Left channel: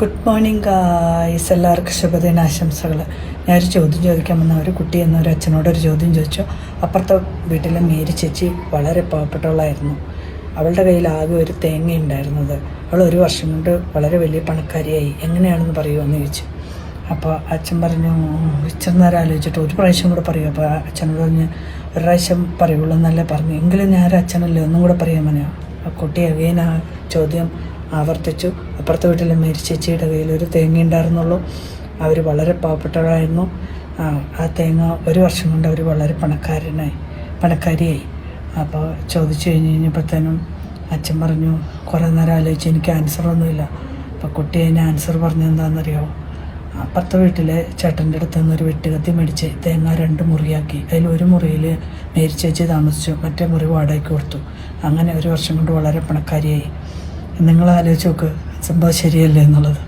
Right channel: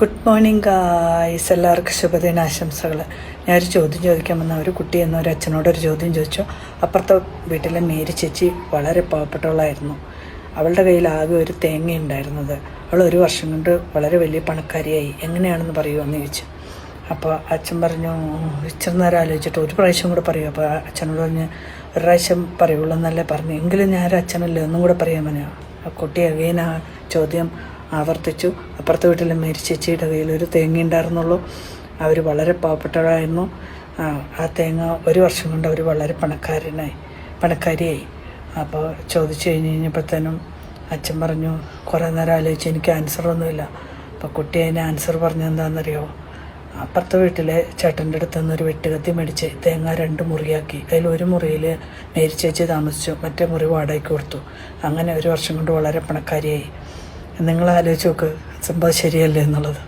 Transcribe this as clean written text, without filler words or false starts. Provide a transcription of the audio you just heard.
Good morning guys, എല്ലാവർക്കും ശുഭദിനാശംസകൾ. ഞാനൊരു ചോദ്യം ചോദിക്കാൻ വന്ന ഒരു കുട്ടി എന്നൊരു അച്ഛനോടൊരു ചോദ്യം ചോദിച്ചു. അപ്പുറത്തെ വീട്ടിലെ മേരി ചേച്ചി വളരെ പാവപ്പെട്ടവളായിരുന്നു. അവളുടെ കയ്യിൽ ആകെ ഒരു തേങ്ങ ഉണ്ടായിരുന്നത്. അവൾ ഒരു വർഷം കൊണ്ട് വളരെ വലിയ പണക്കാരിയായി. എങ്ങനെയാണെന്ന് പറയുമെന്ന് ചോദിച്ചു. അപ്പോൾ അച്ഛൻ പറഞ്ഞു, ഇച്ചിരി നേരം ആലോചിച്ചിട്ട് ഒരു പ്രാവശ്യം കൂടെ പറയൂ. അപ്പോൾ അച്ഛനോട് പറഞ്ഞ് ഒരു പ്രാവശ്യം പറയുള്ളൂ എന്നല്ലേ പറഞ്ഞു. എങ്കിലും ഞാനൊരു അച്ഛനല്ലേ, ഒന്നും കൂടെ പറയാൻ പറഞ്ഞു. ആ കുട്ടി അഗൈൻ ആ ചോദ്യം ആവർത്തിച്ചു. അപ്പുറത്തെ വീട്ടിലെ മേരി ചേച്ചിയുടെ കയ്യിൽ ഒരു തേങ്ങ ഉണ്ടായിരുന്നുള്ളൂ. അവർ വളരെ പാവപ്പെട്ടവരായിരുന്നു. ആ തേങ്ങ ഒരു വർഷം കൊണ്ട് അവർ വളരെ പണക്കാരിയായി. അപ്പോൾ ചോദിച്ചു കഴിഞ്ഞപ്പോഴത്തേനും അച്ഛൻ പറഞ്ഞു, കുറേ നേരം ആലോചിച്ച് എനിക്ക് ആൻസറൊന്നുമില്ല. അപ്പോൾ കുട്ടി അതിന് ആൻസർ പറഞ്ഞെന്താണെന്നറിയോ? അപ്പുറത്തെ വീട്ടിലെ ചേട്ടൻ്റെ അടുത്ത് നിന്നൊരു വെട്ടുകത്തി മേടിച്ച് തേങ്ങ 2 മുറിയാക്കി. അതിൽ ഒരു മുറിയിൽ മേരി ചേച്ചി താമസിച്ചു, മറ്റേ മുറി വാടകയ്ക്ക് കൊടുത്തു. അങ്ങനെ ഒരു വർഷം കൊണ്ട് വളരെ പണക്കാരിയായി. നിങ്ങൾ ആലോചിച്ച് നോക്ക്, സംഭവം ശരിയല്ലേ എന്നുള്ളത്.